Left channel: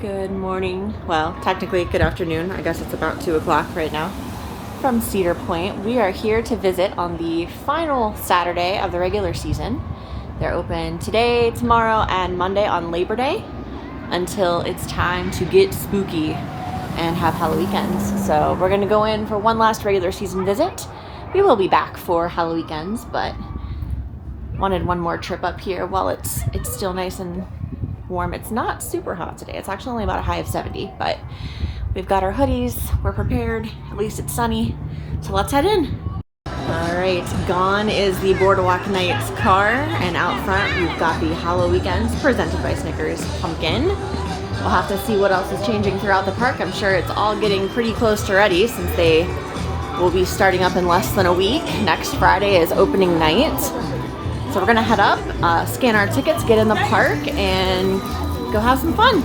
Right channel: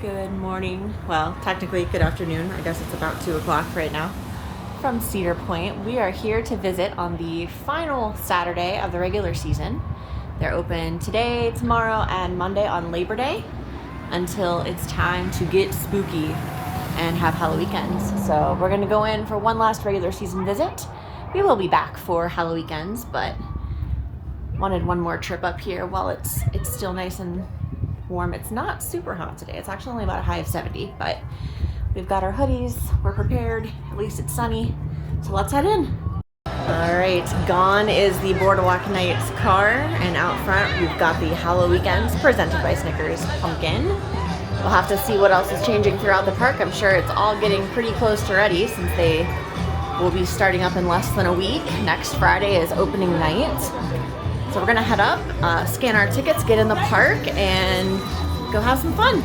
Good morning. Well, technically good afternoon. I guess it's about 2 o'clock right now. From Cedar Point, we are here to visit on the final Saturday of the regular season. They're open today, tomorrow, and Monday on Labor Day until it's time to get spooky and have HalloWeekends. So we're gonna go in for one last regular season visit. We will be back for HalloWeekends, but wanted one more trip up here while it's still nice and warm. It's not super hot today. It's actually only about a high of 70, but we've got our hoodies. We're prepared. At least it's sunny. So let's head in. All right, gone is the Boardwalk Nights car, and out front we've got the HalloWeekends presented by Snickers pumpkin. We'll have to see what else is changing throughout the park. I'm sure it's all getting pretty close to ready since they will be starting up in less than a week. Next Friday is opening night. So we're gonna head up, scan our tickets, get in the park, and go have some fun.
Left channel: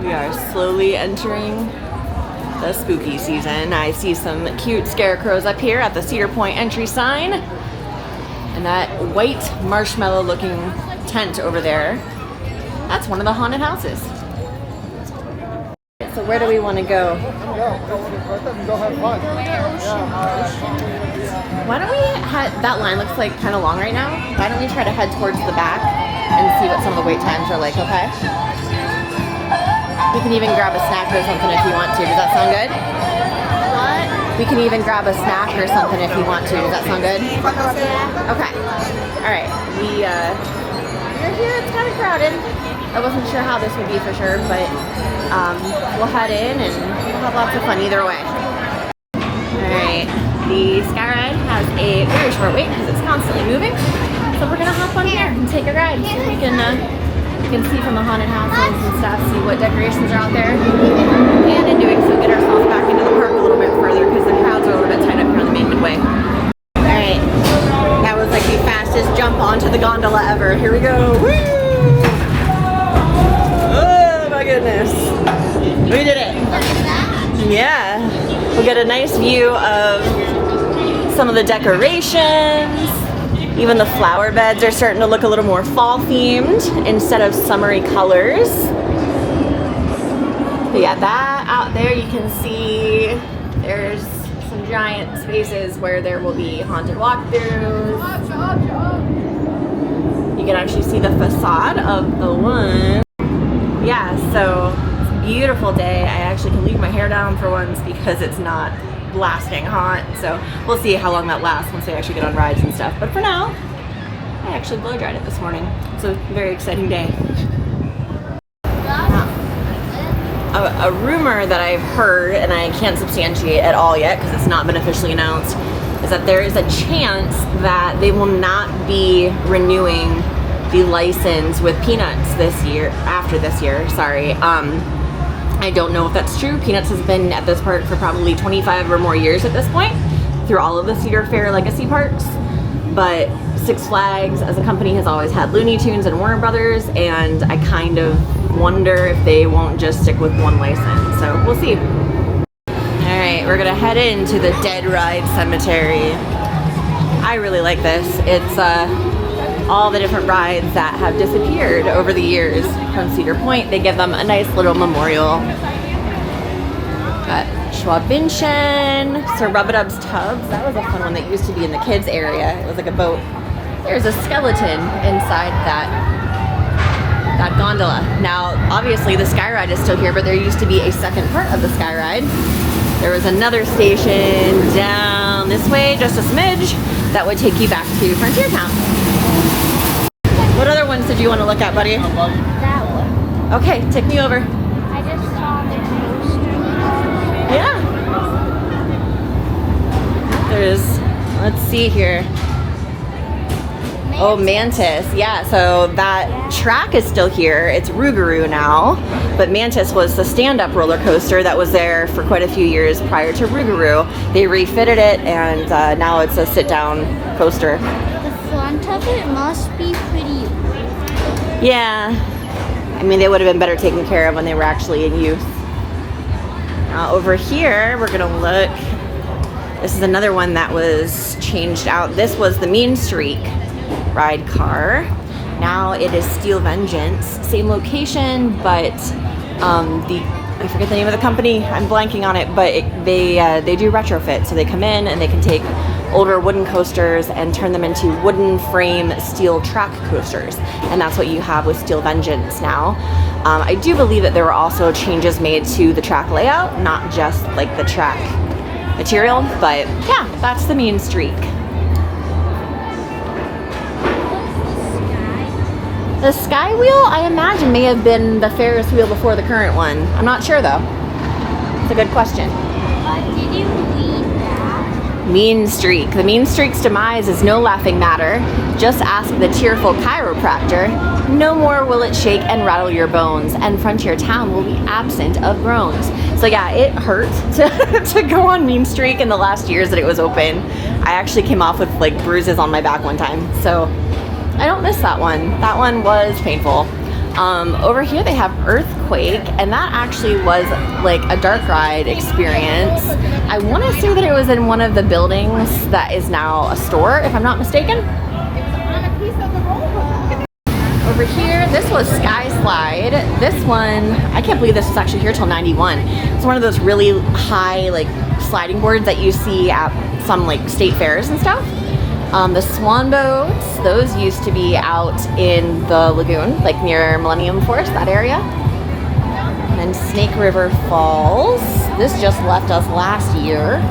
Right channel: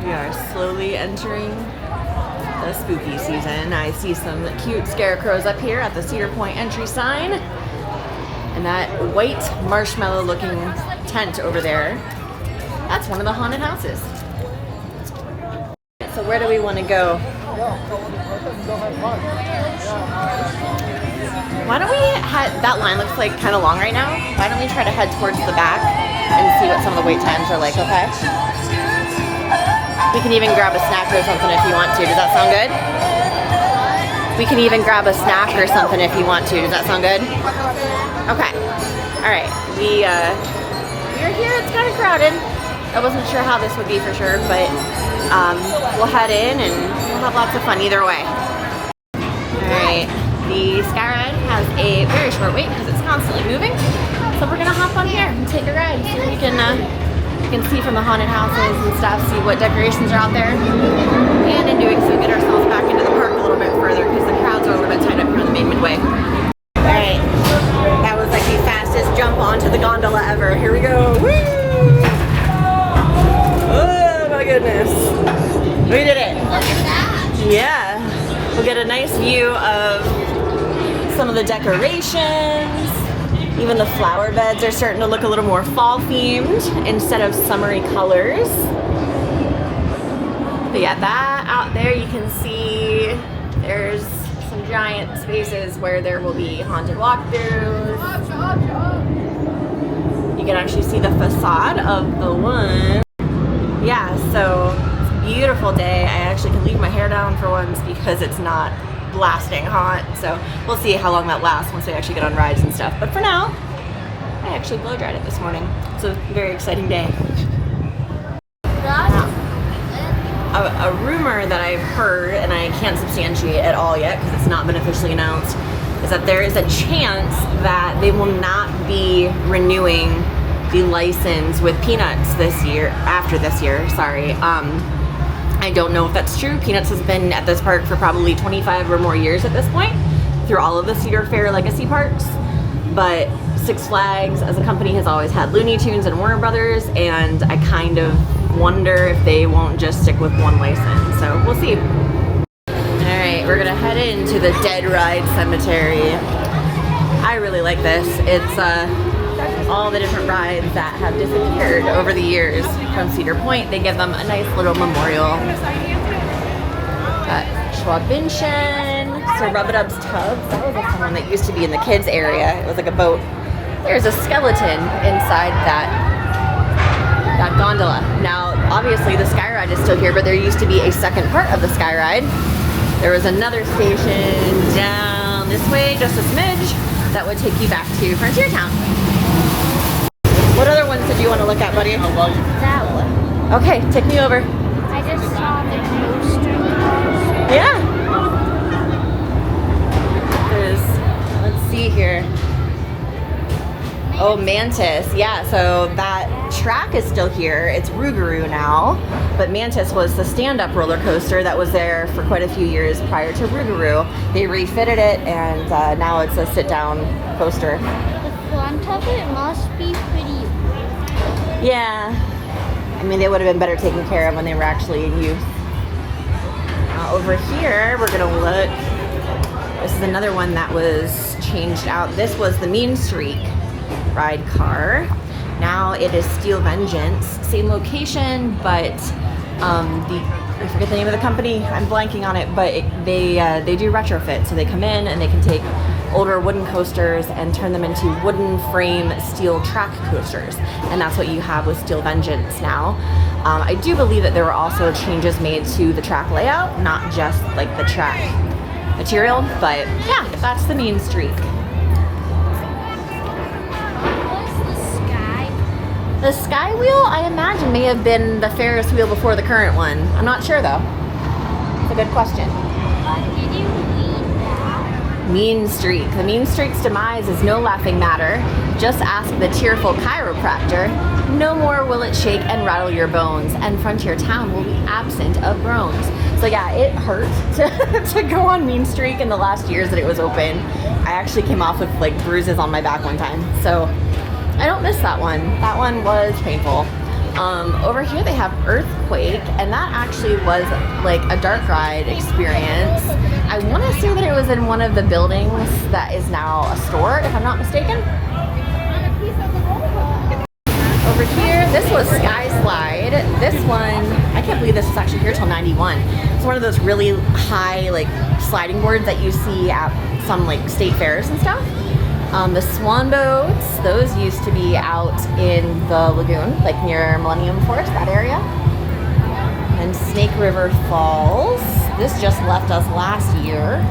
We are slowly entering the spooky season. I see some cute scarecrows up here at the Cedar Point entry sign. And that white marshmallow looking tent over there, that's one of the haunted houses. So where do we wanna go? Why don't we head, that line looks like kind of long right now. Why don't we try to head towards the back and see what some of the wait times are like, okay? We can even grab a snack or something if you want to. Does that sound good? What? We can even grab a snack or something if you want to. Does that sound good? Okay. All right. We're here. It's kind of crowded. I wasn't sure how this would be for sure, but we'll head in and we'll have lots of fun either way. All right. The Sky Ride has a very short wait because it's constantly moving. So we're gonna hop on here and take a ride so we can see from the haunted houses and stuff, see what decorations are out there. And in doing so, get ourselves back into the park a little bit further because the crowds are a little bit tight up here on the main midway. All right, that was like the fastest jump onto the gondola ever. Here we go, woo! Oh my goodness, we did it. Look at that. Yeah, we'll get a nice view of some of the decorations. Even the flower beds are starting to look a little more fall themed instead of summery colors. But yeah, that out there you can see there's some giant spaces where there will be haunted walkthroughs. You can actually see the facade of the one. Yeah, so it's a beautiful day. I actually can leave my hair down for once because it's not blasting hot, so we'll see how long that lasts once they actually get on rides and stuff. But for now, I actually blow dried it this morning. It's a very exciting day. Now, a rumor that I've heard, and I can't substantiate at all yet because it's not been officially announced, is that there is a chance that they will not be renewing the license with Peanuts this year, after this year, sorry. I don't know if that's true. Peanuts has been at this park for probably 25 or more years at this point, through all of the Cedar Fair legacy parks. But Six Flags as a company has always had Looney Tunes and Warner Brothers, and I kind of wonder if they won't just stick with one license. So we'll see. All right, we're gonna head into the Dead Ride Cemetery. I really like this. It's all the different rides that have disappeared over the years from Cedar Point. They give them a nice little memorial. Got Schwabinchen, Sir Rub-a-Dub's Tubs. That was a fun one that used to be in the kids area. It was like a boat. There's a skeleton inside that gondola. Now, obviously the Sky Ride is still here, but there used to be a second part of the Sky Ride. There was another station down this way, just a smidge, that would take you back to Frontier Town. What other ones did you want to look at, buddy? Okay, take me over. Yeah. There's, let's see here. Oh, Mantis. Yeah, so that track is still here. It's Rougarou now, but Mantis was the stand-up roller coaster that was there for quite a few years prior to Rougarou. They refitted it, and now it's a sit-down coaster. The front of it must be pretty. Yeah. I mean, they would have been better taken care of when they were actually in use. Over here, we're gonna look. This is another one that was changed out. This was the Mean Streak ride car. Now it is Steel Vengeance, same location, but I forget the name of the company. I'm blanking on it, but they do retrofit. So they come in and they can take older wooden coasters and turn them into wooden frame steel track coasters, and that's what you have with Steel Vengeance now. I do believe that there were also changes made to the track layout, not just like the track material, but yeah, that's the Mean Streak. The Sky Wheel, I imagine, may have been the Ferris wheel before the current one. I'm not sure though. It's a good question. Mean Streak. The Mean Streak's demise is no laughing matter. Just ask the tearful chiropractor. No more will it shake and rattle your bones, and Frontier Town will be absent of groans. So yeah, it hurt to go on Mean Streak in the last years that it was open. I actually came off with like bruises on my back one time, so I don't miss that one. That one was painful. Over here they have Earthquake, and that actually was like a dark ride experience. I want to say that it was in one of the buildings that is now a store, if I'm not mistaken. Over here, this was Sky Slide. This one, I can't believe this was actually here till 91. It's one of those really high like sliding boards that you see at some like state fairs and stuff. The swan boats, those used to be out in the lagoon, like near Millennium Force, that area. And Snake River Falls. This just left us last year.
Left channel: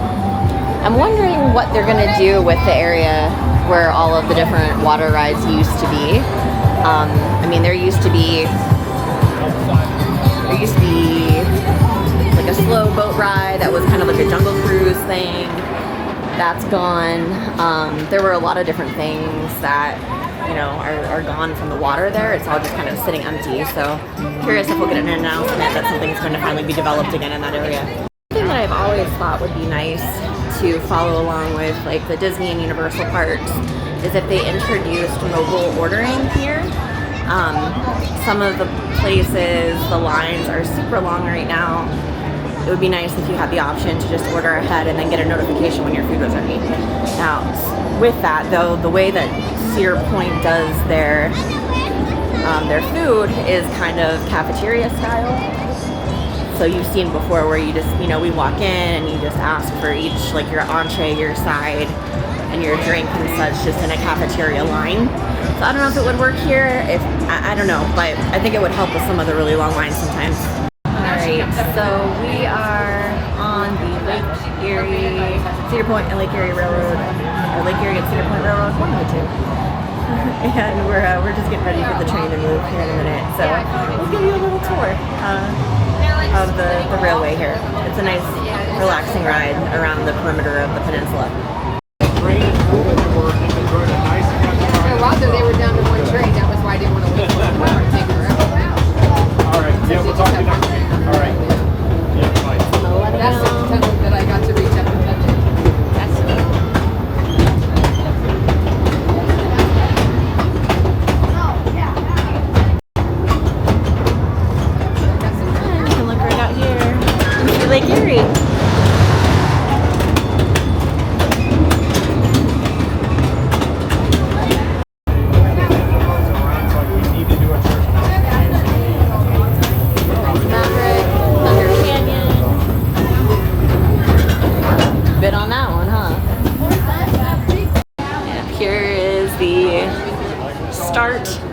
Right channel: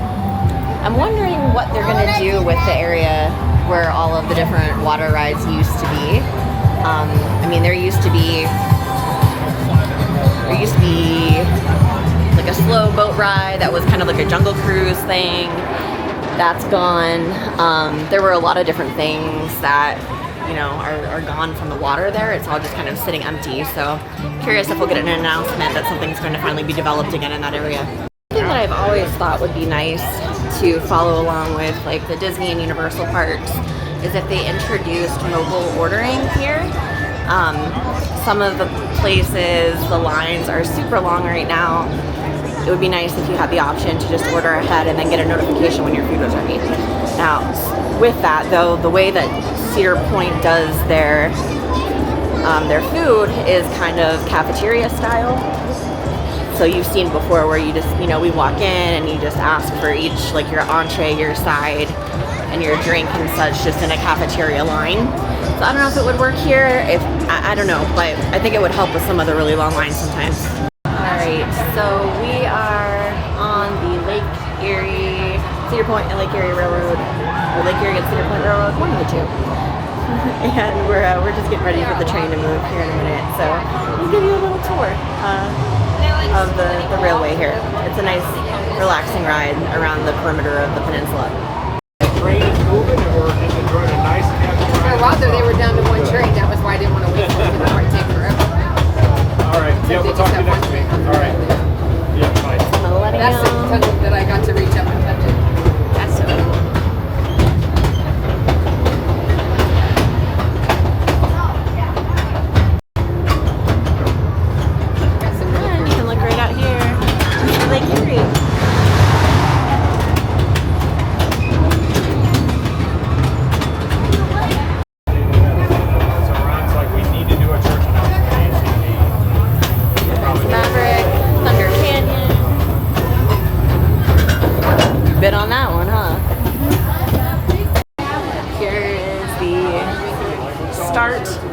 I'm wondering what they're gonna do with the area where all of the different water rides used to be. I mean, there used to be like a slow boat ride that was kind of like a jungle cruise thing. That's gone. There were a lot of different things that, you know, are gone from the water there. It's all just kind of sitting empty. So curious if we'll get an announcement that something's going to finally be developed again in that area. Something that I've always thought would be nice to follow along with like the Disney and Universal parks is if they introduced mobile ordering here. Some of the places, the lines are super long right now. It would be nice if you had the option to just order ahead and then get a notification when your food was ready. Now, with that though, the way that Cedar Point does their food is kind of cafeteria style. So you've seen before where you just, you know, we walk in and you just ask for each, like your entree, your side, and your drink and such, just in a cafeteria line. So I don't know if it would work here. I don't know, but I think it would help with some of the really long lines sometimes. Alright, so we are on the Lake Erie, Cedar Point and Lake Erie Railroad, or Lake Erie and Cedar Point Railroad, one of the two. And we're just getting ready for the train to move here in a minute. So we'll give you a little tour of the railway here. It's a nice, relaxing ride around the perimeter of the peninsula.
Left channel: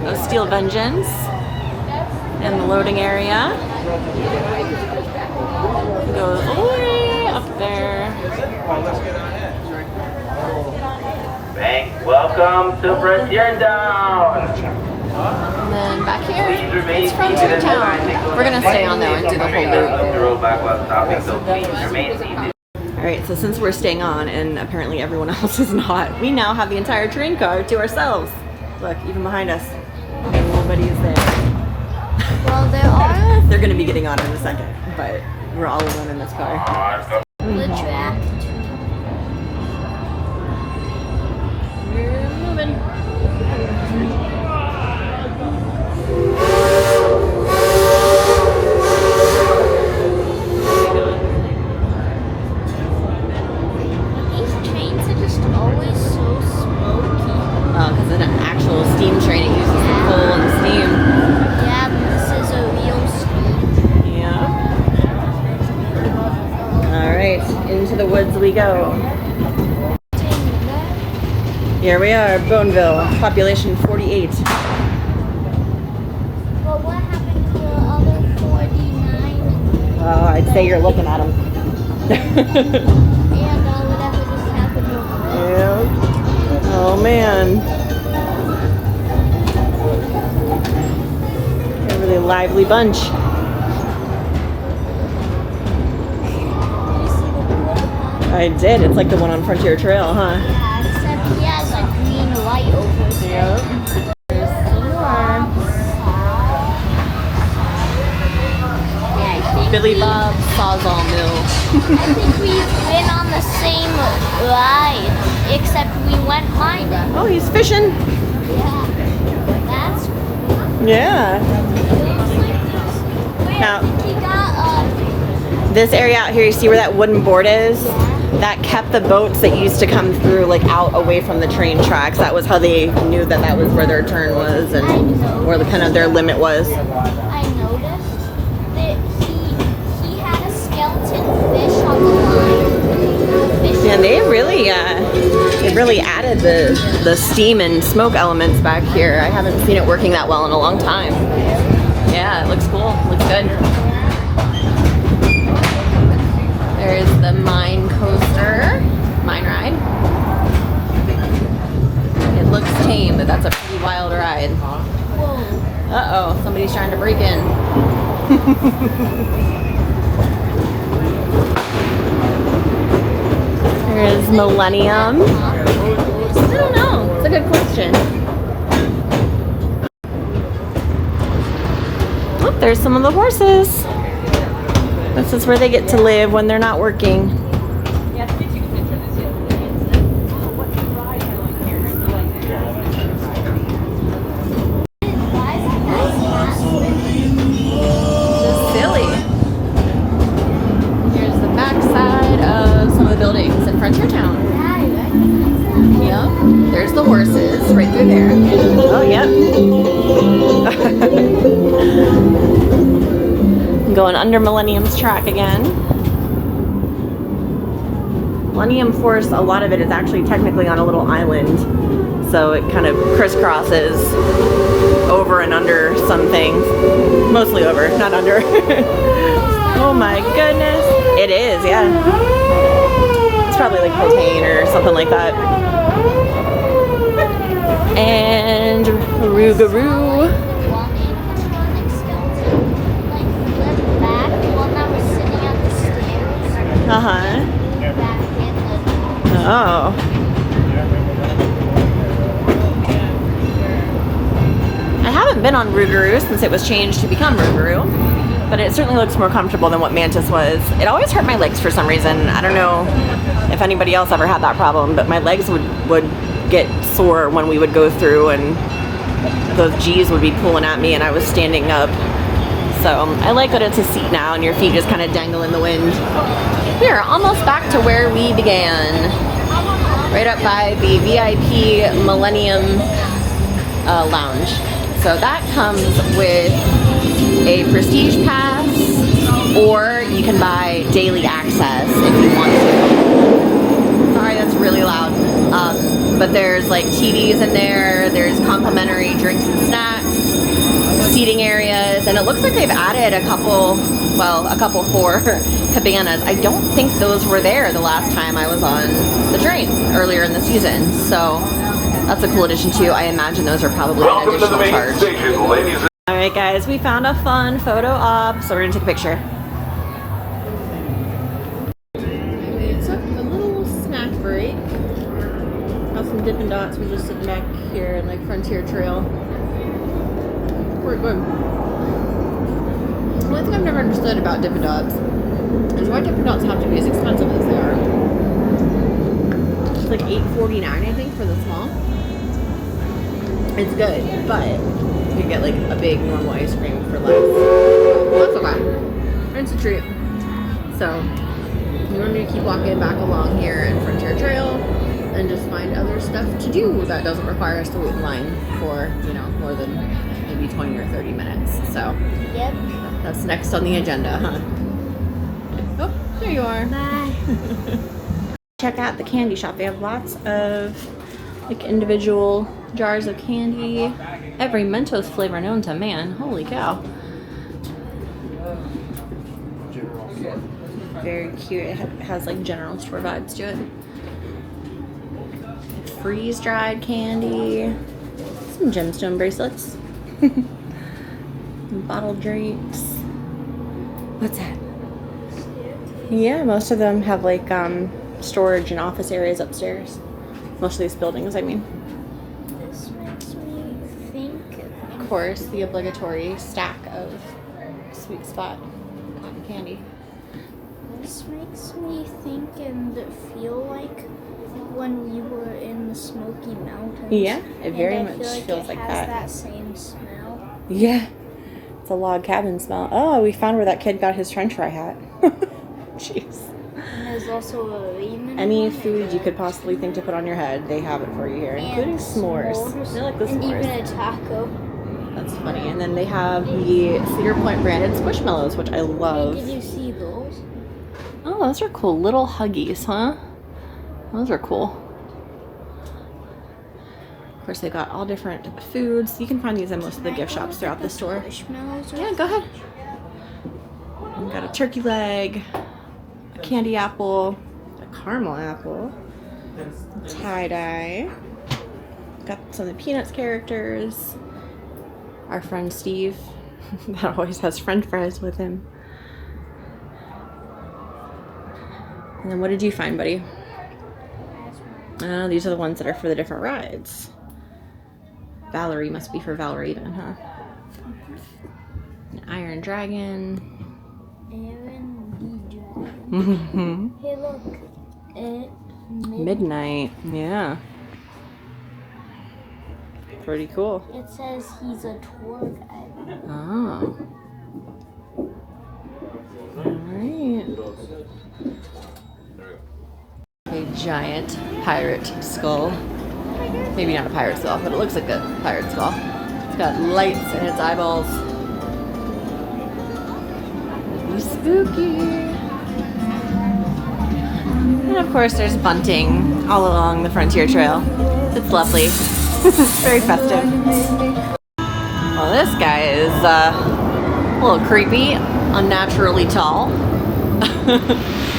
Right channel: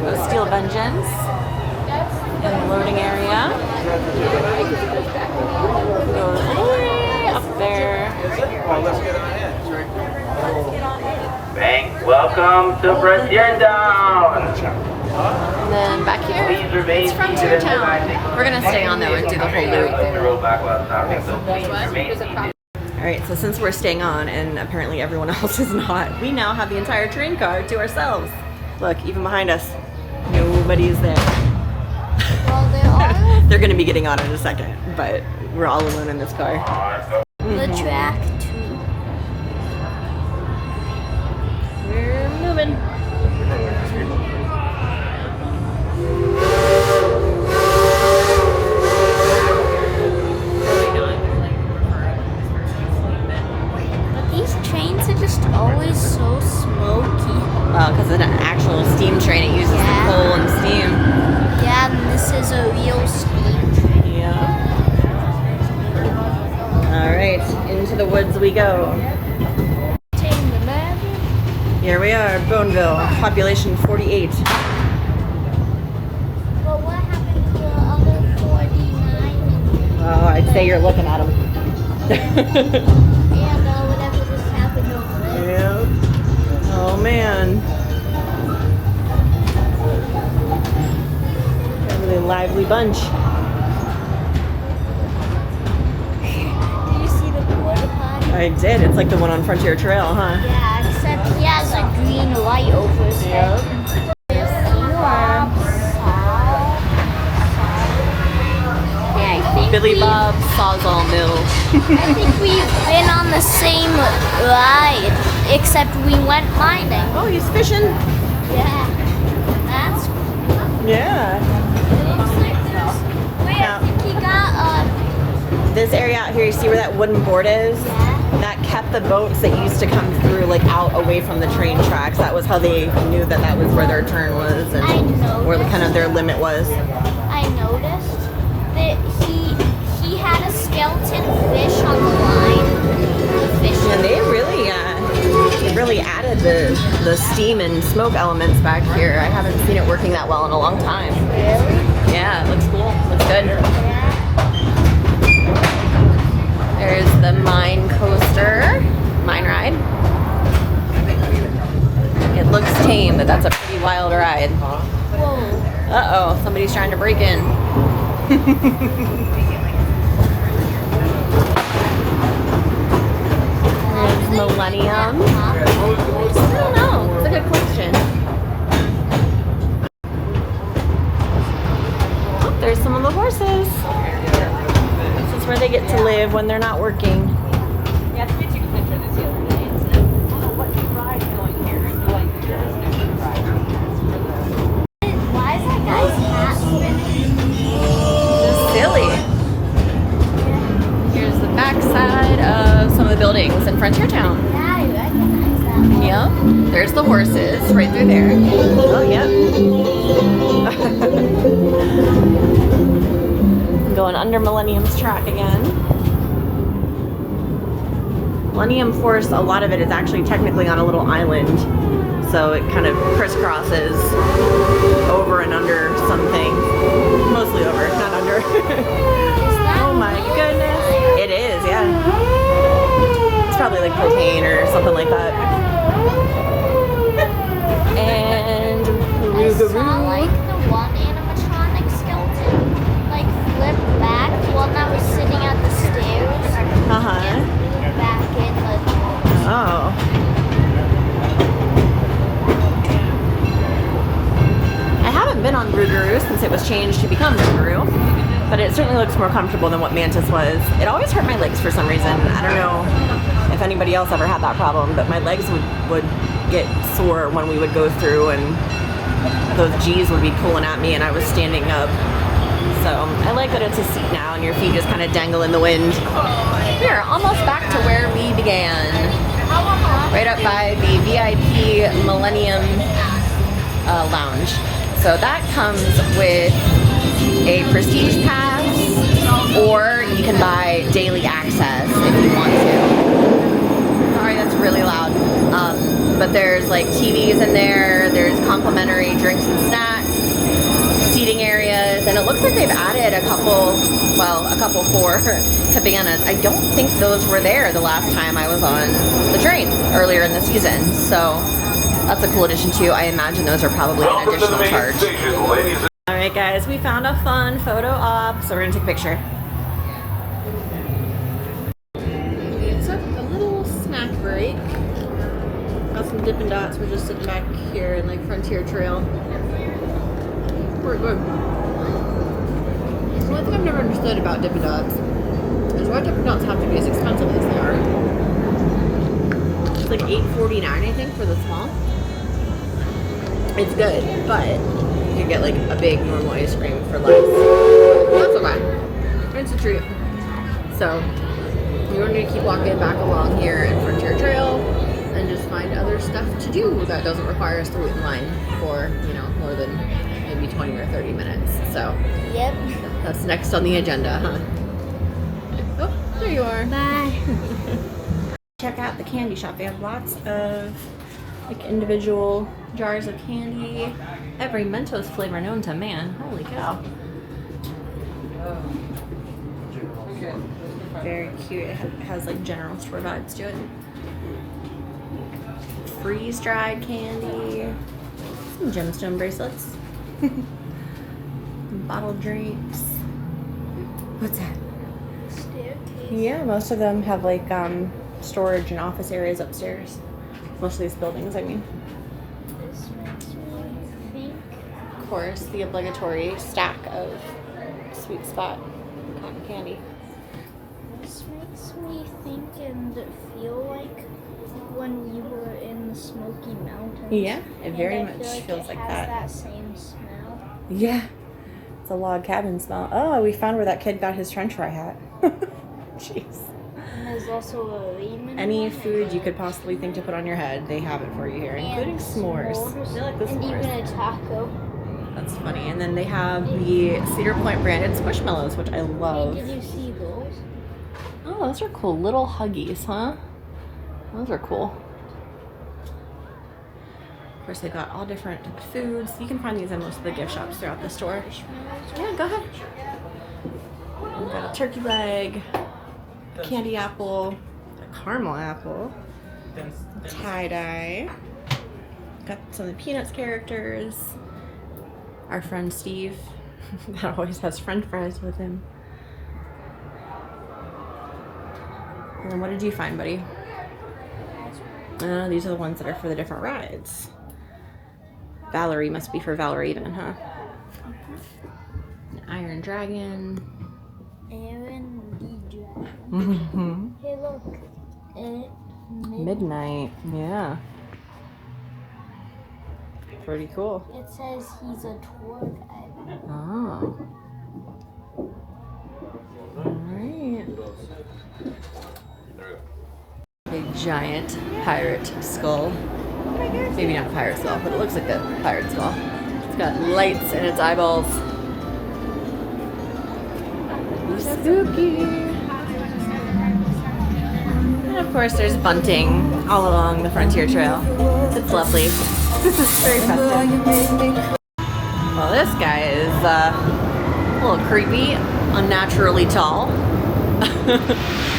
Of Steel Vengeance and the loading area goes all the way up there. Welcome to Frontier Town. And then back here, it's Frontier Town. We're gonna stay on though and do the whole loop. Alright, so since we're staying on and apparently everyone else is not, we now have the entire train car to ourselves. Look, even behind us, nobody is there. Well, there are. They're gonna be getting on in a second, but we're all alone in this car. The track too. We're moving. These trains are just always so smoky. Well, because in an actual steam train, it uses the coal and steam. Yeah, and this is a real street. Yeah. All right, into the woods we go. Here we are, Boneville, population 48. But what happened to the other 49? Oh, I'd say you're looking at them. And whatever just happened over there. Yeah. Oh man. They're a really lively bunch. Did you see the porta potty? I did. It's like the one on Frontier Trail, huh? Yeah, except he has a green light over his head. Yep. There's some more. Yeah, I think Billy Bob Sawzall Mill. I think we went on the same ride, except we went mining. Oh, he's fishing. Yeah, that's cool. Yeah. It looks like this. Wait, Now- I think he got This area out here, you see where that wooden board is? yeah. That kept the boats that used to come through like out away from the train tracks. That was how they knew that that was where their turn was and where kind of their limit was. I noticed that he had a skeleton fish on the line. The fish. And they really added the steam and smoke elements back here. I haven't seen it working that well in a long time. Yeah, it looks cool. Looks good. There's the mine coaster, mine ride. It looks tame, but that's a pretty wild ride. Whoa. Uh-oh, somebody's trying to break in. There's Millennium. I don't know. It's a good question. Oh, there's some of the horses. This is where they get to live when they're not working. Just silly. And here's the backside of some of the buildings in Frontier Town. Yeah, I recognize that. Yeah, there's the horses right through there. Oh, yeah. Going under Millennium's track again. Millennium Force, a lot of it is actually technically on a little island. So it kind of crisscrosses over and under some things. Mostly over, not under. Oh my goodness. It is, yeah. It's probably like propane or something like that. And Rougarou. Like the one animatronic skeleton, like flipped back, the one that was sitting at the stairs. Uh-huh. And moved back in the. Oh. I haven't been on Rougarou since it was changed to become Rougarou, but it certainly looks more comfortable than what Mantis was. It always hurt my legs for some reason. I don't know if anybody else ever had that problem, but my legs would get sore when we would go through and those G's would be pulling at me and I was standing up. So I like that it's a seat now and your feet just kind of dangle in the wind. We are almost back to where we began. Right up by the VIP Millennium Lounge. So that comes with a prestige pass, or you can buy daily access if you want to. Sorry, that's really loud. But there's like TVs in there, there's complimentary drinks and snacks, seating areas, and it looks like they've added a couple for cabanas. I don't think those were there the last time I was on the train earlier in the season. So that's a cool addition too. I imagine those are probably an additional charge. All right, guys, we found a fun photo op, so we're gonna take a picture. We took a little snack break. Got some Dippin' Dots. We're just sitting back here in like Frontier Trail. We're good. The only thing I've never understood about Dippin' Dots is why Dippin' Dots have to be as expensive as they are. It's like $8.49, I think, for the small. It's good, but you could get like a big normal ice cream for less. But that's okay. It's a treat. So we're going to keep walking back along here in Frontier Trail and just find other stuff to do that doesn't require us to wait in line for, you know, more than maybe 20 or 30 minutes. So Yep. that's next on the agenda, huh? Oh, there you are. Bye. Check out the candy shop. They have lots of like individual jars of candy. Every Mentos flavor known to man. Holy cow. Very cute. It has like general store vibes to it. Freeze dried candy. Some gemstone bracelets. Bottled drinks. What's that? Yeah, most of them have like storage and office areas upstairs. Most of these buildings, I mean. This makes me think. Of course, the obligatory stack of Sweet Spot cotton candy. This makes me think and feel like when we were in the Smoky Mountains. Yeah, it very And I much feel feels like it that. has same smell. Yeah, it's a log cabin smell. Oh, we found where that kid got his French fry hat. Jeez. And there's also a ramen. Any food you could possibly think to put on your head, they have it for you here, including s'mores. I like the And even s'mores. a taco. That's funny. And then they have the Cedar Point branded Squishmallows, which I love. Did you see those? Oh, those are cool little huggies, huh? Those are cool. Of course, they've got all different foods. You can find these in most of the gift shops throughout the store. Marshmallows or Yeah, go ahead. We've got a turkey leg, a candy apple, a caramel apple, tie-dye. Got some of the Peanuts characters. Our friend Steve, that always has French fries with him. And then what did you find, buddy? These are the ones that are for the different rides. Valerie must be for Valerie then, huh? An Iron Dragon. Aaron the Dragon. Mm-hmm. Hey, look. Midnight, yeah. Pretty cool. It says he's a tour guide. Oh. Alright. A giant pirate skull. Maybe not a pirate skull, but it looks like a pirate skull. It's got lights in its eyeballs. That'd be spooky. And of course there's bunting all along the Frontier Trail. It's lovely. It's very festive. Well, this guy is a little creepy, unnaturally tall.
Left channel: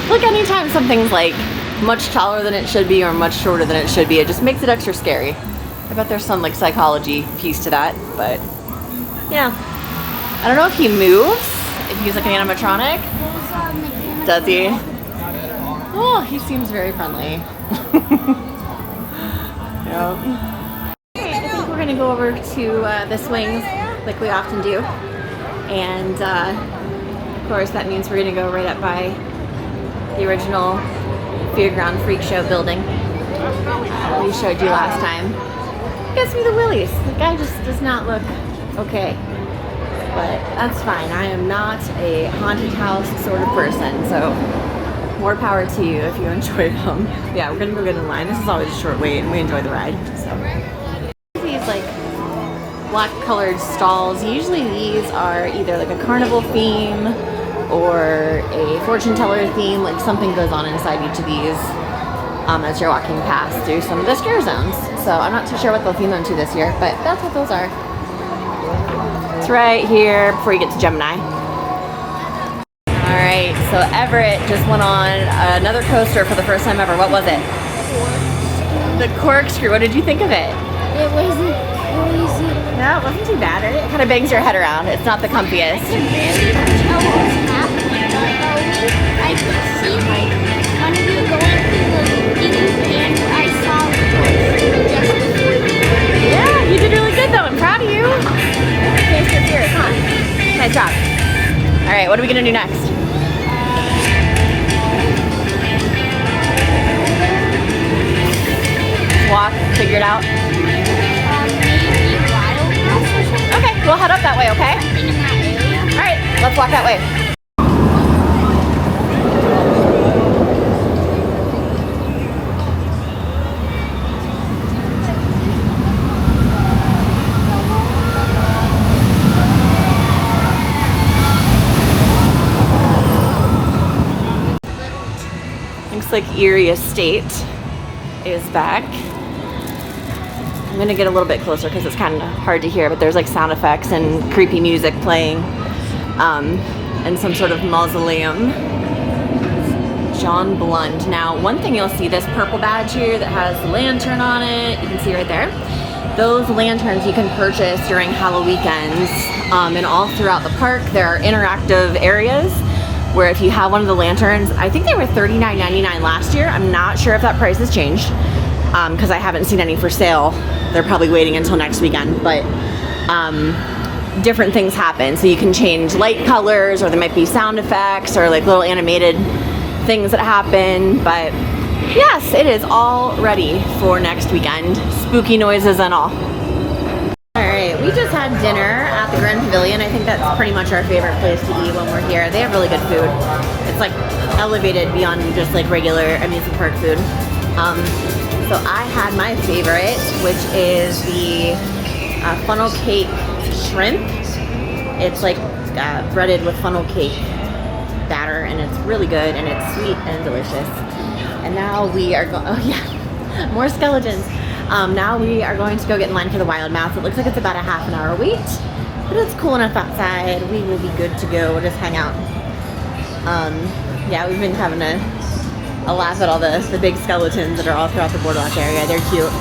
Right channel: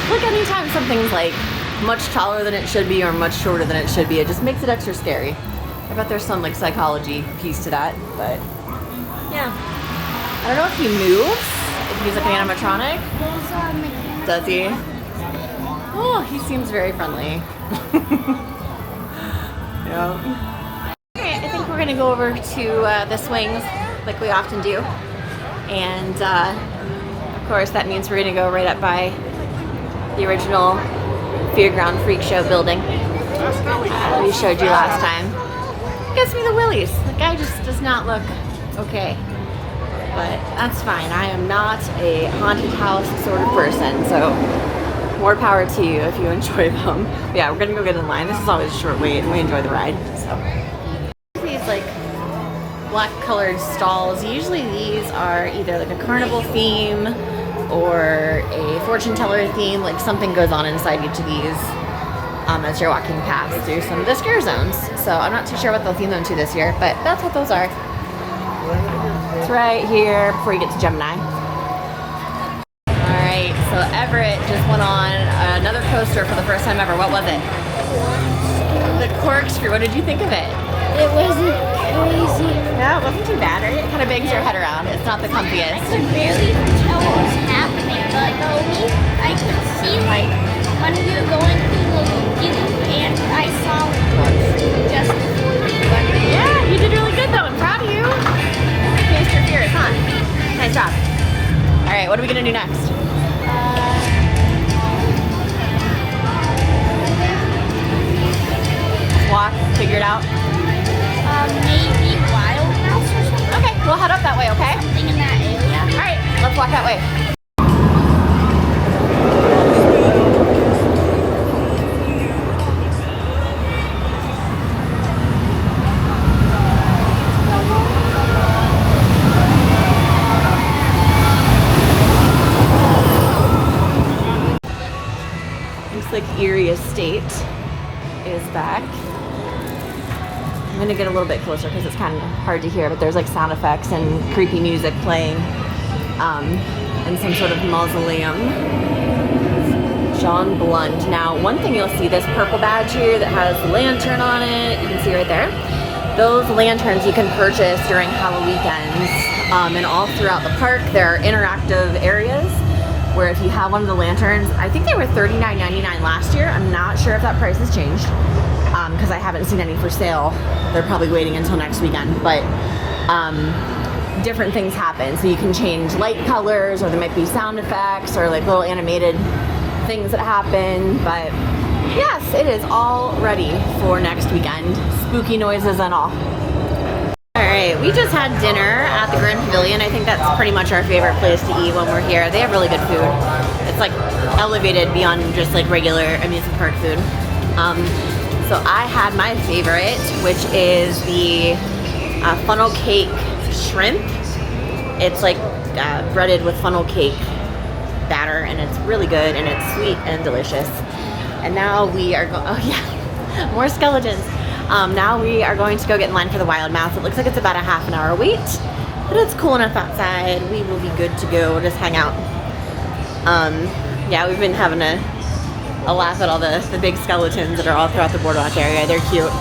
Look, anytime something's like much taller than it should be or much shorter than it should be, it just makes it extra scary. I bet there's some like psychology piece to that, but yeah. I don't know if he moves, if he's like an animatronic. There's a mechanical. Does he? Oh, he seems very friendly. Yeah. Okay, I think we're gonna go over to the swings like we often do. And of course that means we're gonna go right up by the original Fairground Freak Show building we showed you last time. Gives me the willies. The guy just does not look okay. But that's fine. I am not a haunted house sort of person, so more power to you if you enjoy them. Yeah, we're gonna go get in line. This is always a short wait and we enjoy the ride, so. These like black colored stalls, usually these are either like a carnival theme or a fortune teller theme, like something goes on inside each of these as you're walking past through some of the scare zones. So I'm not too sure what they'll theme them to this year, but that's what those are. It's right here before you get to Gemini. All right, so Everett just went on another coaster for the first time ever. What was it? The corkscrew. What did you think of it? It wasn't crazy. No, it wasn't too bad, right? It kind of bangs your head around. It's not the I comfiest. could barely tell what was happening, but I could see like when we were going through the loop and I saw the corkscrew just before we went. Yeah, you did really good though. I'm proud of you. Faced your fears, huh? Nice job. All right, what are we gonna do next? Walk, figure it out. Maybe Wild House or something. Okay, we'll head up that way, okay? Something in that area. All right, let's walk that way. State is back. I'm gonna get a little bit closer because it's kind of hard to hear, but there's like sound effects and creepy music playing, and some sort of mausoleum. John Blund. Now, one thing you'll see, this purple badge here that has the lantern on it, you can see right there. Those lanterns you can purchase during HalloWeekends, and all throughout the park. There are interactive areas where if you have one of the lanterns, I think they were $39.99 last year. I'm not sure if that price has changed, because I haven't seen any for sale. They're probably waiting until next weekend, but different things happen. So you can change light colors, or there might be sound effects or like little animated things that happen. But yes, it is all ready for next weekend. Spooky noises and all. All right, we just had dinner at the Grand Pavilion. I think that's pretty much our favorite place to eat when we're here. They have really good food. It's like elevated beyond just like regular amusement park food. So I had my favorite, which is the funnel cake shrimp. It's like breaded with funnel cake batter, and it's really good, and it's sweet and delicious. And now we are going, oh yeah, more skeletons. Now we are going to go get in line for the wild mouse. It looks like it's about a half an hour wait, but it's cool enough outside. We will be good to go. We'll just hang out. Yeah, we've been having a laugh at all the big skeletons that are all throughout the boardwalk area. They're cute.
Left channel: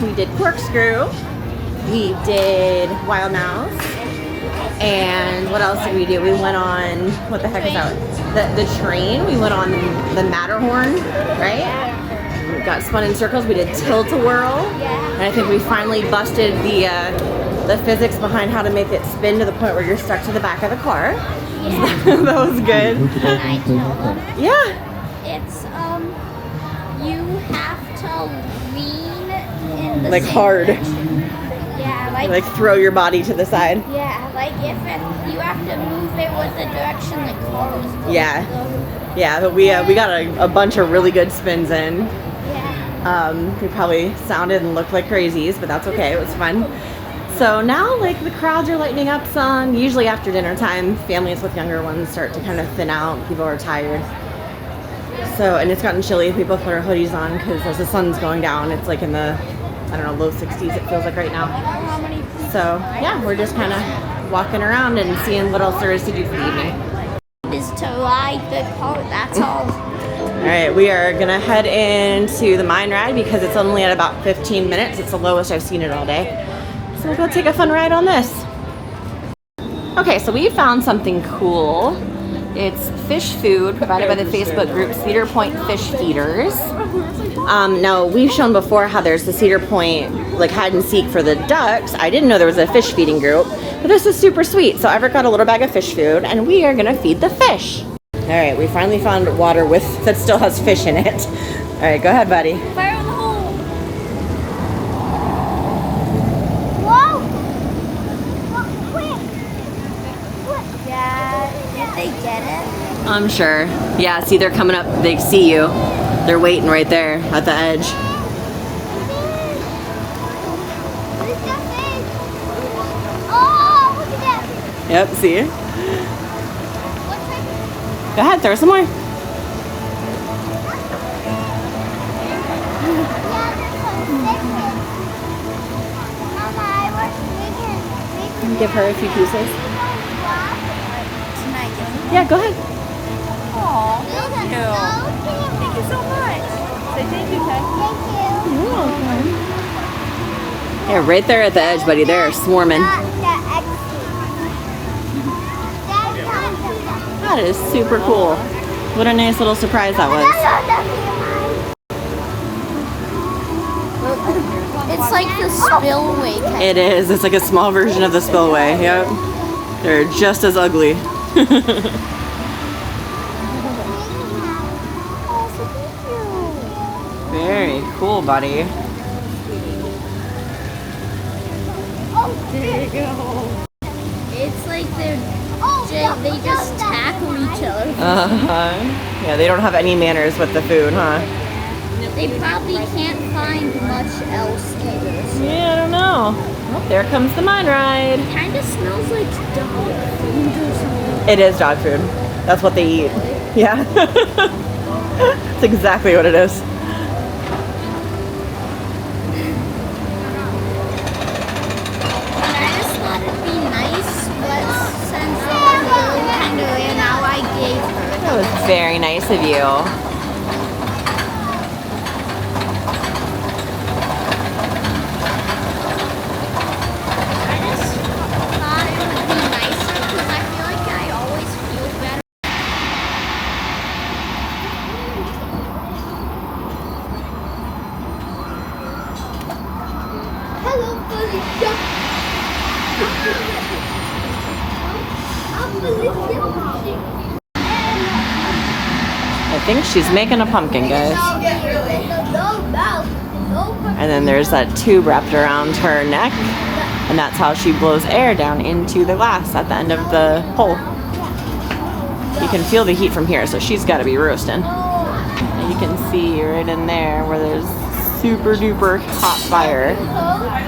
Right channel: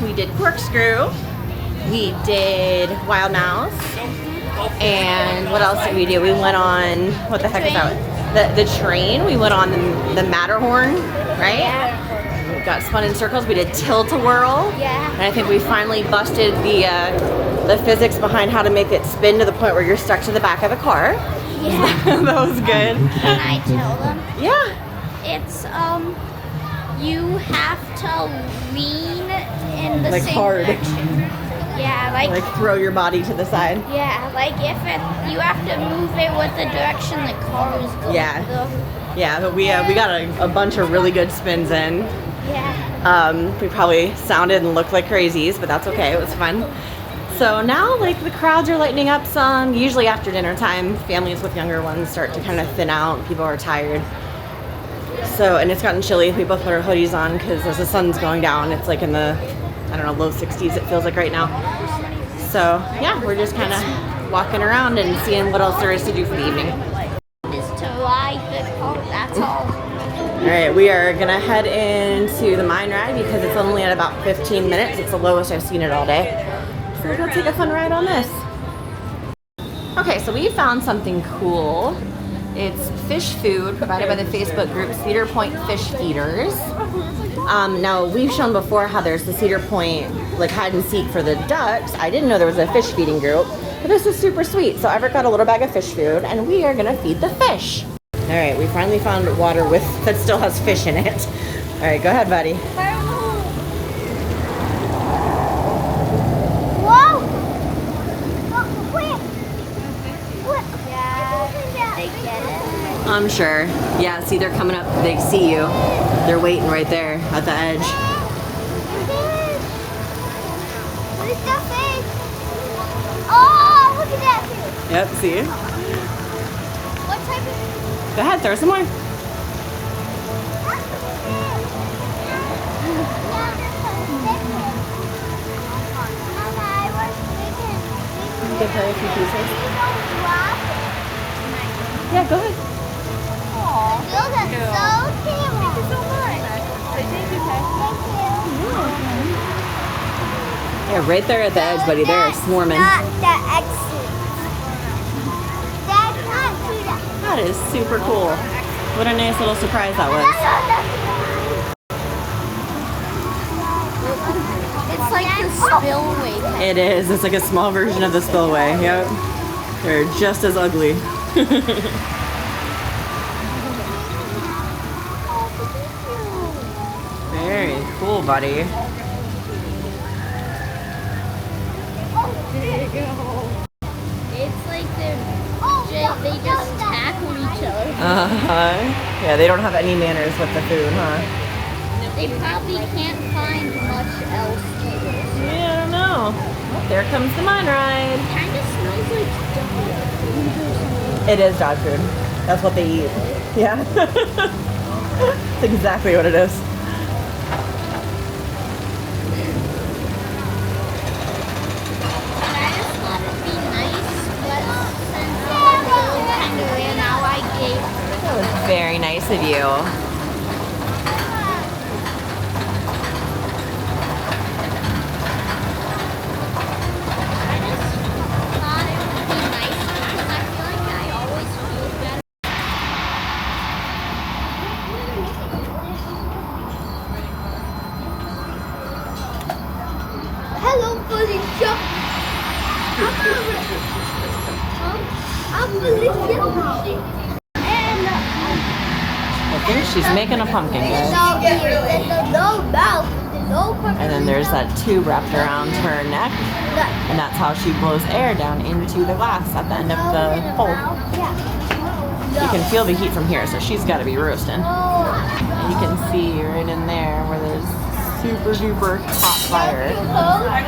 We did corkscrew, we did wild mouse, and what else did we do? We went on, what the heck is that? The train. We went on the Matterhorn, right? We got spun in circles. We did tilt-a-whirl, and I think we finally busted the physics behind how to make it spin to the point where you're stuck to the back of the car. So that was good. Yeah. It's you have to lean in the like same hard. direction. Yeah, like throw your body to the side. Yeah, like if you have to move it with the direction the car is going. Yeah, but we got a bunch of really good spins in. Yeah. We probably sounded and looked like crazies, but that's okay. It was fun. So now, like, the crowds are lightening up some. Usually after dinner time, families with younger ones start to kind of thin out. People are tired. So, and it's gotten chilly. We both put our hoodies on because as the sun's going down, it's like in the, I don't know, low 60s it feels like right now. So yeah, we're just kind of walking around and seeing what else there is to do for the evening. Is to ride the boat, that's all. All right, we are gonna head into the mine ride because it's only at about 15 minutes. It's the lowest I've seen it all day. So we'll go take a fun ride on this. Okay, so we found something cool. It's fish food provided by the Facebook group Cedar Point Fish Feeders. Now, we've shown before how there's the Cedar Point like hide and seek for the ducks. I didn't know there was a fish feeding group, but this is super sweet. So I've got a little bag of fish food and we are gonna feed the fish. All right, we finally found water that still has fish in it. All right, go ahead, buddy. Fire in the hole. I'm sure. Yeah, see, they're coming up. They see you. They're waiting right there at the edge. Yep, see? Go ahead, throw some more. Give her a few pieces. Yeah, go ahead. You're welcome. Yeah, right there at the edge, buddy. They're swarming. That is super cool. What a nice little surprise that was. It's like the spillway. It is. It's like a small version of the spillway. Yep. They're just as ugly. Very cool, buddy. It's like they just tackle each other. Uh-huh. Yeah, they don't have any manners with the food, huh? They probably can't find much else. know. Well, there comes the mine ride. Kind of smells like dog food. It is dog food. That's what they eat. Yeah. That's exactly what it is. That was very nice of you. Hello, Felicia. I think she's making a pumpkin, guys. And then there's that tube wrapped around her neck, and that's how she blows air down into the glass at the end of the hole. You can feel the heat from here, so she's got to be roasting. And you can see right in there where there's super duper hot fire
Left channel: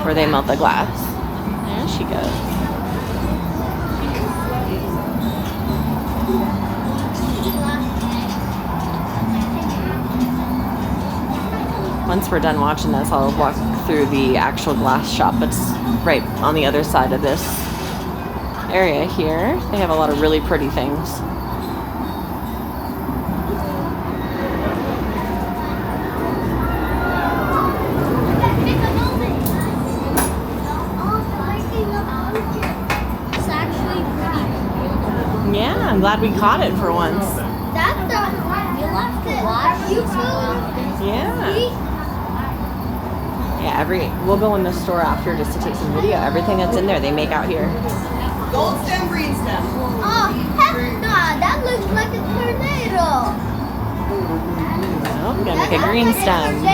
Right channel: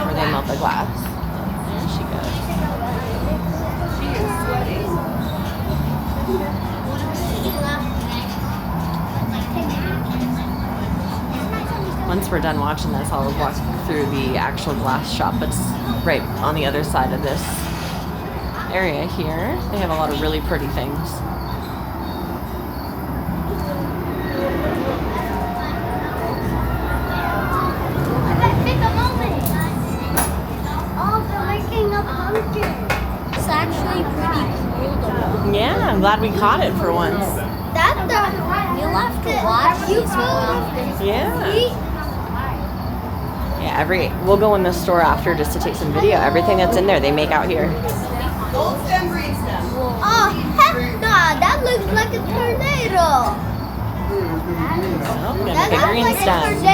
where they melt the glass. There she goes. Once we're done watching this, I'll walk through the actual glass shop. It's right on the other side of this area here. They have a lot of really pretty things. Yeah, I'm glad we caught it for once. Yeah. Yeah, we'll go in the store after just to take some video. Everything that's in there, they make out here. Gold stem, green stem. Oh, heck no, that looks like a tornado. Oh, we're gonna make a green stem.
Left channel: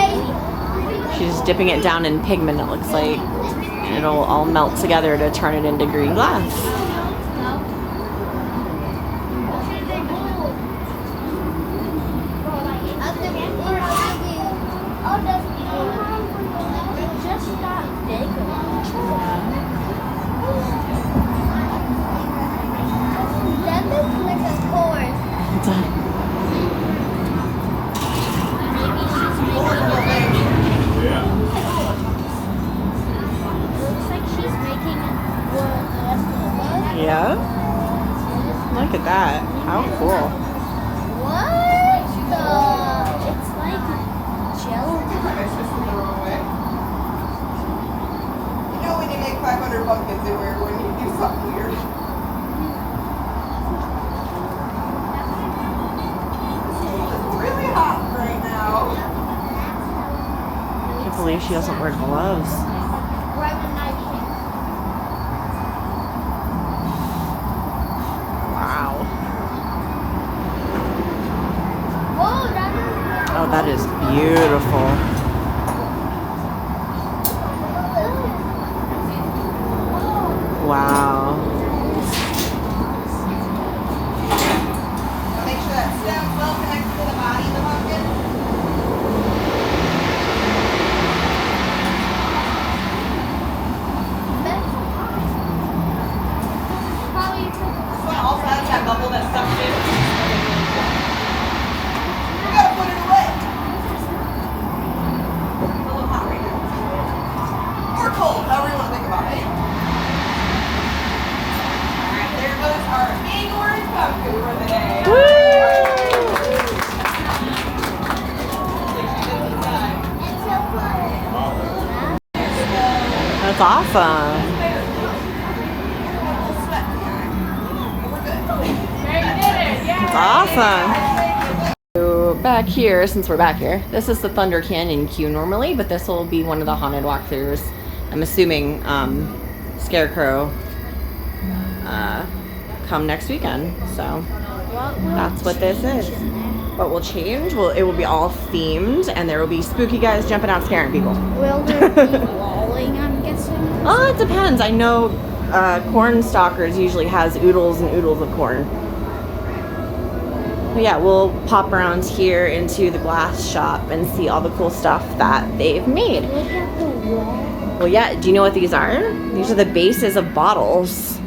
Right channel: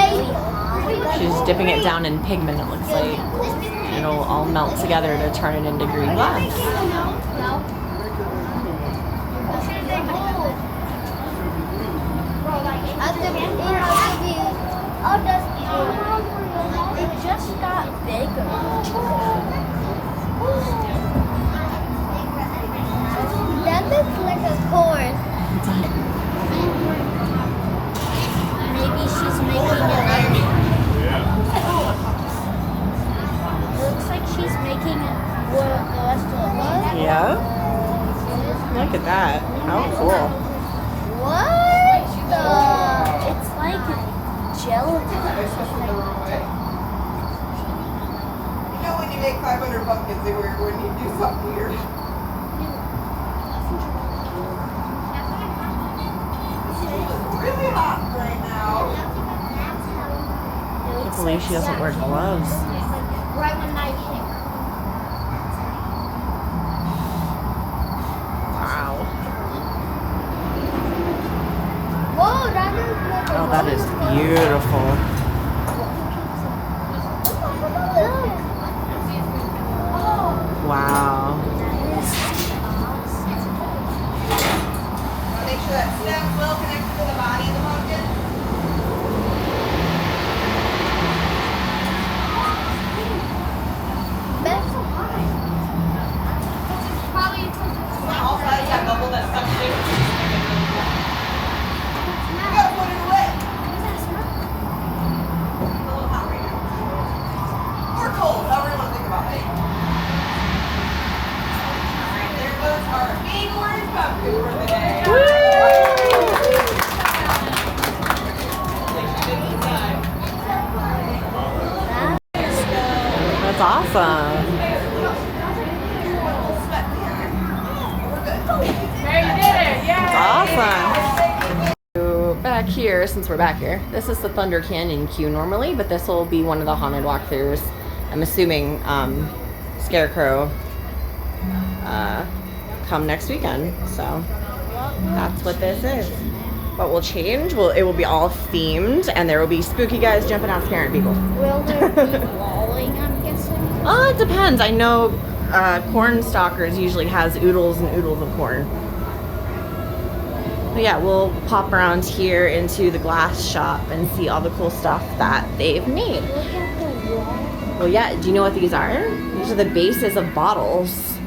She's dipping it down in pigment, it looks like. And it'll all melt together to turn it into green glass. Yeah. Look at that. How cool. What? It's like gelatin. It's just the wrong way. You know when you make 500 pumpkins, they wear when you do something weird. This school is really hot right now. I can't believe she doesn't wear gloves. Right when I came. Wow. Whoa, that is Oh, that is beautiful. Wow. Make sure that stem's well connected to the body of the pumpkin. This one also has that bubble that sucks in. Okay, really cool. You gotta put it away. It's a little hot right now. Or cold, however you want to think about it. Alright, there goes our big orange pumpkin for the day. Woo! Take you good inside. There we go. That's awesome. Sweat in the eye. But we're good. That's awesome. So back here, since we're back here, this is the Thunder Canyon queue normally, but this will be one of the haunted walkthroughs. I'm assuming Scarecrow come next weekend. So that's what this is. What will change? Well, it will be all themed, and there will be spooky guys jumping out scaring people. Oh, it depends. I know Corn Stalkers usually has oodles and oodles of corn. But yeah, we'll pop around here into the glass shop and see all the cool stuff that they've made. Well, yeah, do you know what these are? These are the bases of bottles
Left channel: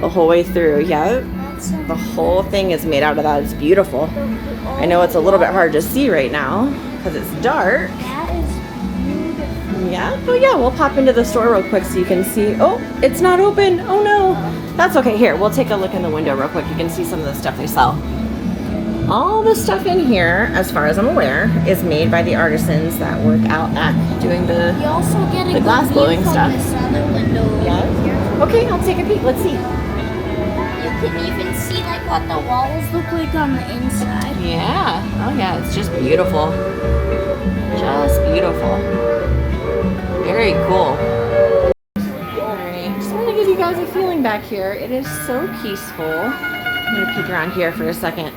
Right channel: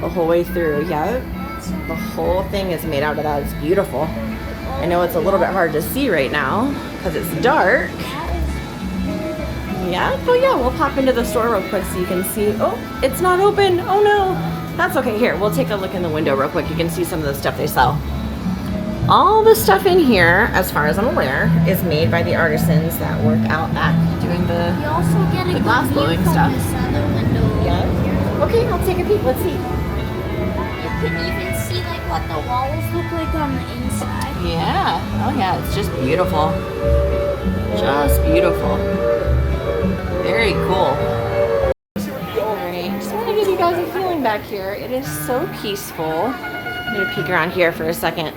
the whole way through. Yeah, the whole thing is made out of that. It's beautiful. I know it's a little bit hard to see right now because it's dark. Yeah, but yeah, we'll pop into the store real quick so you can see. Oh, it's not open. Oh no. That's okay. Here, we'll take a look in the window real quick. You can see some of the stuff they sell. All the stuff in here, as far as I'm aware, is made by the artisans that work out back doing the glass blowing stuff. Yeah? Okay, I'll take a peek. Let's see. You can even see like what the walls look like on the inside. Yeah. Oh yeah, it's just beautiful. Just beautiful. Very cool. Alright, just want to give you guys a feeling back here. It is so peaceful. I'm going to peek around here for a second.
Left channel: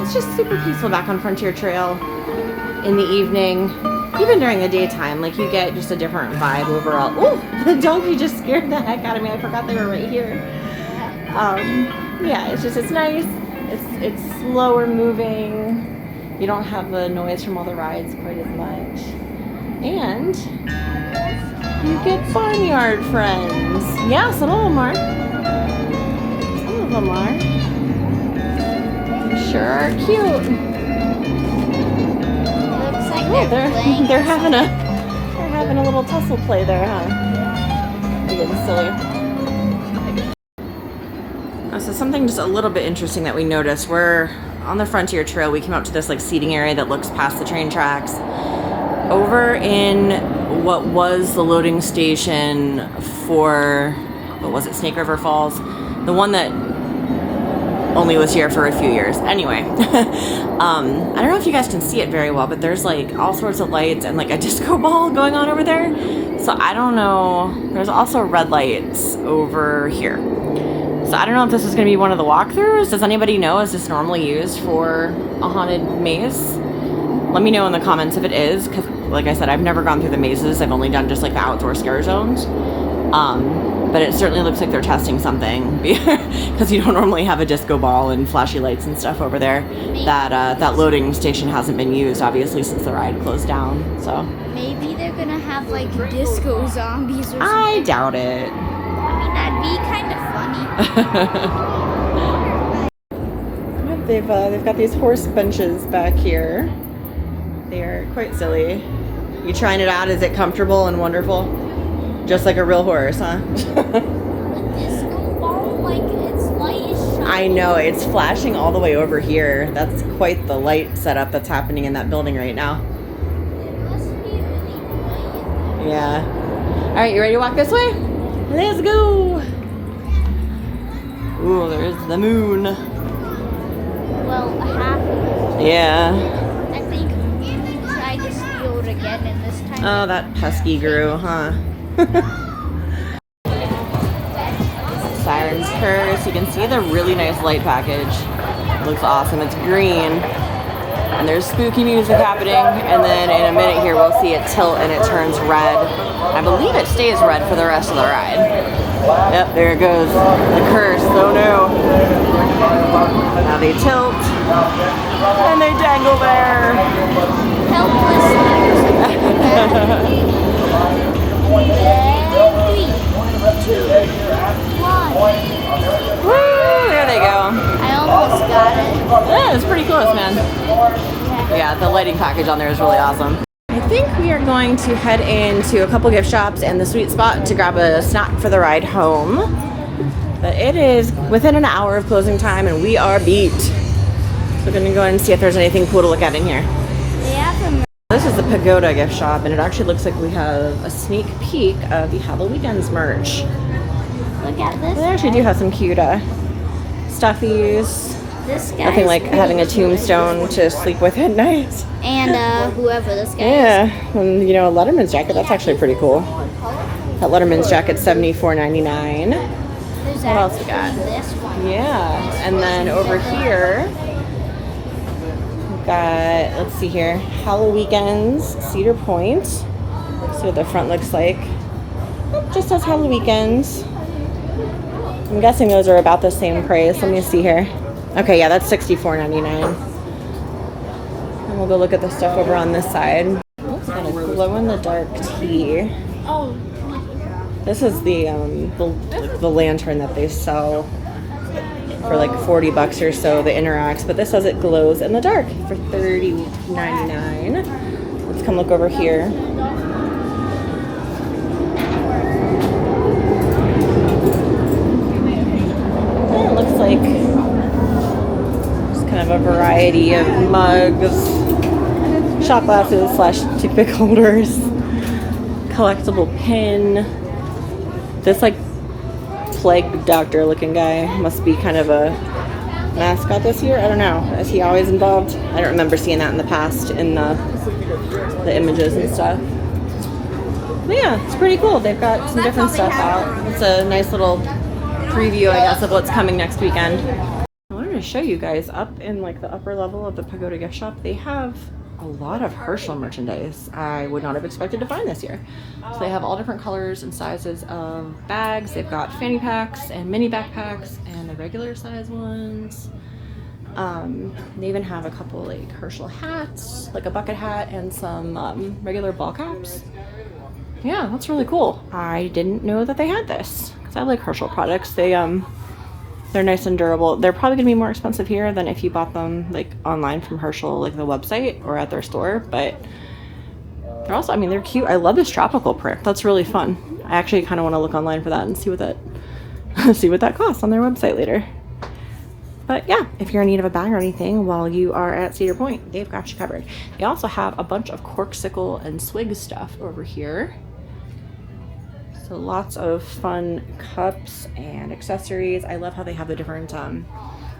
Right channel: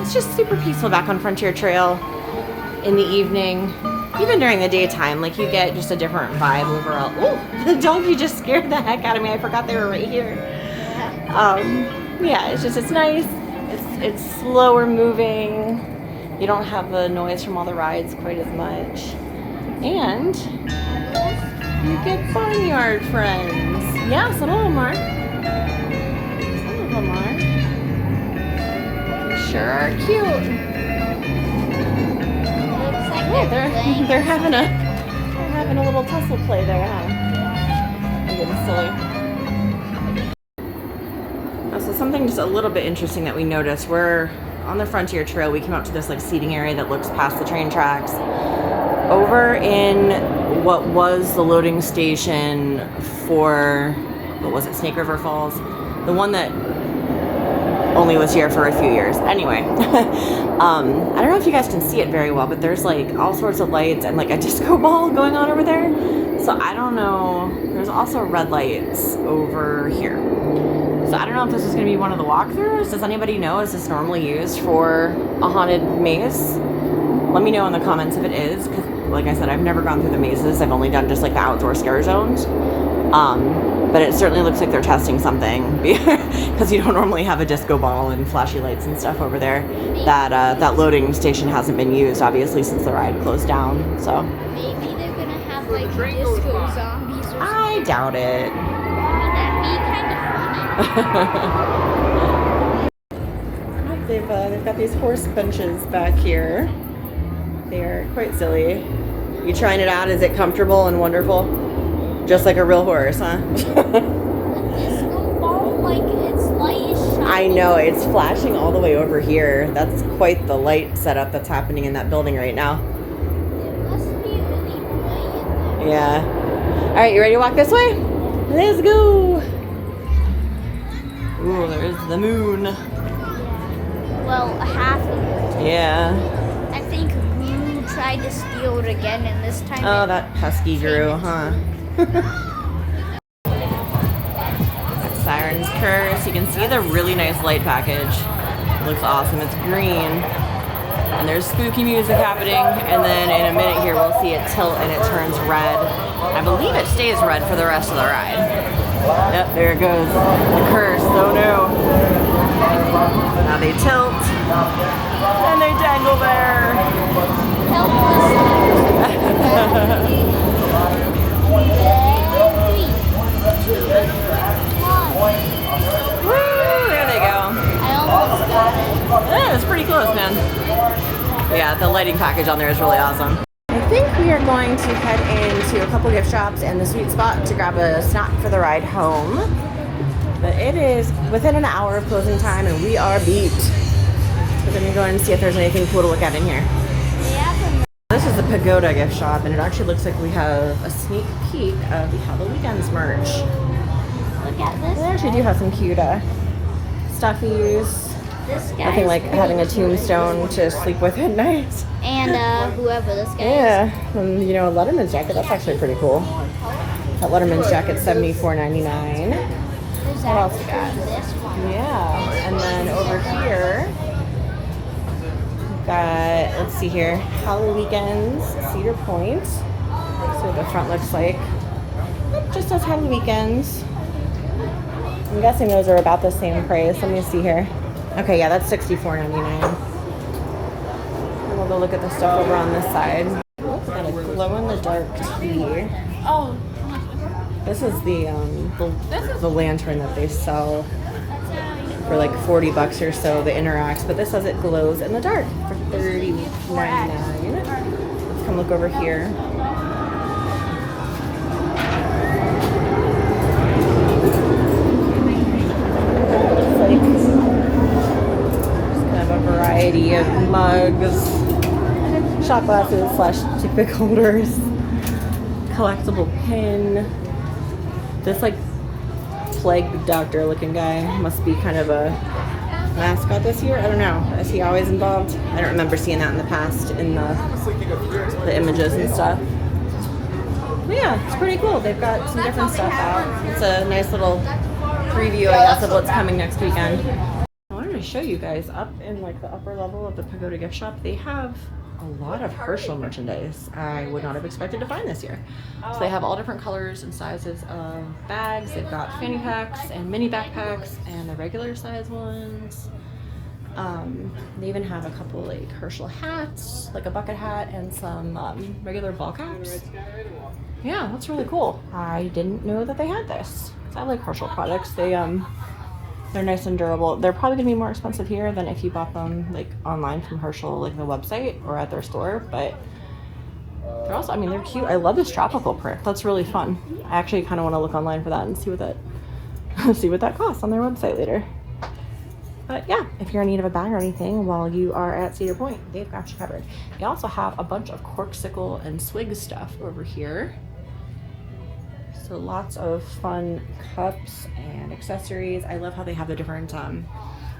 It's just super peaceful back on Frontier Trail in the evening, even during the daytime. Like, you get just a different vibe overall. Ooh, the donkey just scared the heck out of me. I forgot they were right here. Yeah, it's nice. It's slower moving. You don't have the noise from all the rides quite as much. And you get barnyard friends. Yeah, some of them are. Some of them are. They sure are cute. Oh, they're having a little tussle play there, huh? They're getting silly. So something just a little bit interesting that we noticed. We're on the Frontier Trail. We came up to this like seating area that looks past the train tracks. Over in what was the loading station for, what was it, Snake River Falls? The one that only was here for a few years. Anyway, I don't know if you guys can see it very well, but there's like all sorts of lights and like a disco ball going on over there. So I don't know. There's also red lights over here. So I don't know if this is going to be one of the walkthroughs. Does anybody know? Is this normally used for a haunted maze? Let me know in the comments if it is, because like I said, I've never gone through the mazes. I've only done just like the outdoor scare zones. But it certainly looks like they're testing something because you don't normally have a disco ball and flashy lights and stuff over there. That loading station hasn't been used, obviously, since the ride closed down. So maybe they're gonna have like disco zombies or something. I doubt it. That'd be kind of funny. They've got these horse benches back here. They are quite silly. You trying it out? Is it comfortable and wonderful? Just like a real horse, huh? The disco ball, like its light is shining. I know, it's flashing all the way over here. That's quite the light setup that's happening in that building right now. It must be really bright in there. Yeah. All right, you ready to walk this way? Let's go. Ooh, there's the moon. Well, half of it. Yeah. I think Moon tried to steal it again in this time. Oh, that pesky Gru, huh? Siren's Curse. You can see the really nice light package. It looks awesome. It's green. And there's spooky music happening. And then in a minute here, we'll see it tilt and it turns red. I believe it stays red for the rest of the ride. Yep, there it goes. The curse. Oh no. Now they tilt. And they dangle there. Woo! There they go. Yeah, it's pretty close, man. Yeah, the lighting package on there is really awesome. I think we are going to head into a couple gift shops and the sweet spot to grab a snack for the ride home. But it is within an hour of closing time and we are beat. So we're gonna go and see if there's anything cool to look at in here. This is the Pagoda gift shop, and it actually looks like we have a sneak peek of the HalloWeekends merch. Look at this. They actually do have some cute stuffies. Nothing like having a tombstone to sleep with at night. And whoever this guy is. Yeah, and you know, a Letterman's jacket, that's actually pretty cool. That Letterman's jacket's $74.99. What else we got? Yeah, and then over here, got, let's see here, HalloWeekends, Cedar Point. See what the front looks like. Oh, just says HalloWeekends. I'm guessing those are about the same price. Let me see here. Okay, yeah, that's $64.99. And we'll go look at the stuff over on this side. Oh, we got a glow-in-the-dark tea. Oh, This is the lantern that they sell for like $40 or so, the interacts, but this says it glows in the dark for $30.99. Let's come look over here. Oh, it looks like just kind of a variety of mugs, shot glasses / toothpick holders, collectible pin. This like plague doctor looking guy must be kind of a mascot this year. I don't know. Is he always involved? I don't remember seeing that in the past in the images and stuff. But yeah, it's pretty cool. They've got some different stuff out. It's a nice little preview, I guess, of what's coming next weekend. I wanted to show you guys up in like the upper level of the Pagoda gift shop. They have a lot of Herschel merchandise I would not have expected to find this year. So they have all different colors and sizes of bags. They've got fanny packs and mini backpacks and the regular size ones. They even have a couple like Herschel hats, like a bucket hat and some regular ball caps. Yeah, that's really cool. I didn't know that they had this because I like Herschel products. They're nice and durable. They're probably gonna be more expensive here than if you bought them like online from Herschel, like the website or at their store, but they're also, I mean, they're cute. I love this tropical print. That's really fun. I actually kind of want to look online for that and see what that see what that costs on their website later. But yeah, if you're in need of a bag or anything while you are at Cedar Point, they've got you covered. They also have a bunch of corksicle and swig stuff over here. So lots of fun cups and accessories. I love how they have the different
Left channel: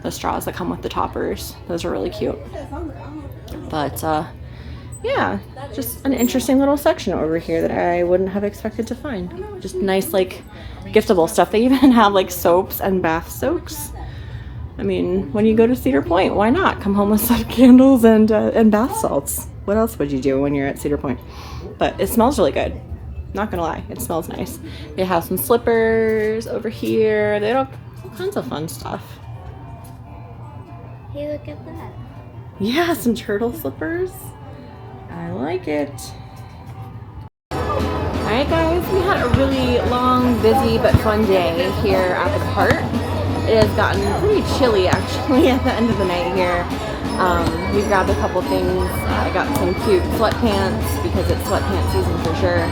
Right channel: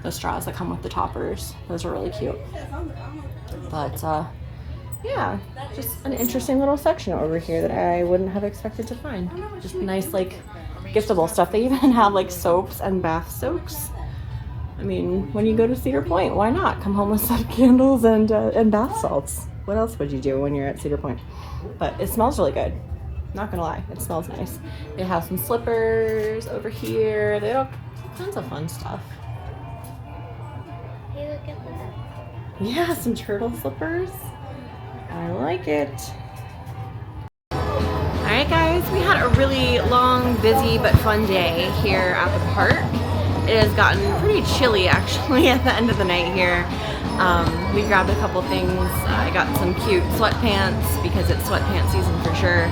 the straws that come with the toppers. Those are really cute. But yeah, just an interesting little section over here that I wouldn't have expected to find. Just nice like giftable stuff. They even have like soaps and bath soaks. I mean, when you go to Cedar Point, why not come home with some candles and bath salts? What else would you do when you're at Cedar Point? But it smells really good. Not gonna lie, it smells nice. They have some slippers over here. They have all kinds of fun stuff. Hey, look at that. Yeah, some turtle slippers. I like it. Alright guys, we had a really long, busy, but fun day here at the park. It has gotten pretty chilly actually at the end of the night here. We grabbed a couple things. I got some cute sweatpants because it's sweatpants season for sure.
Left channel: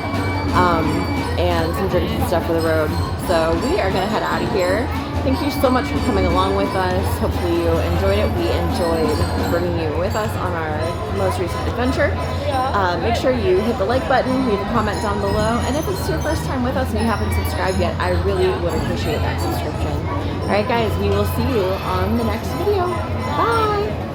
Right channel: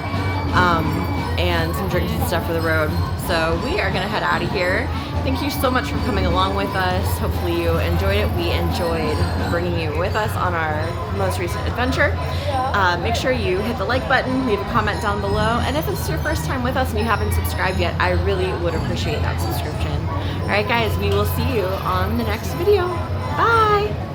And some drinks and stuff for the road. So we are gonna head out of here. Thank you so much for coming along with us. Hopefully you enjoyed it. We enjoyed bringing you with us on our most recent adventure. Make sure you hit the like button, leave a comment down below, and if it's your first time with us and you haven't subscribed yet, I really would appreciate that subscription. Alright guys, we will see you on the next video. Bye!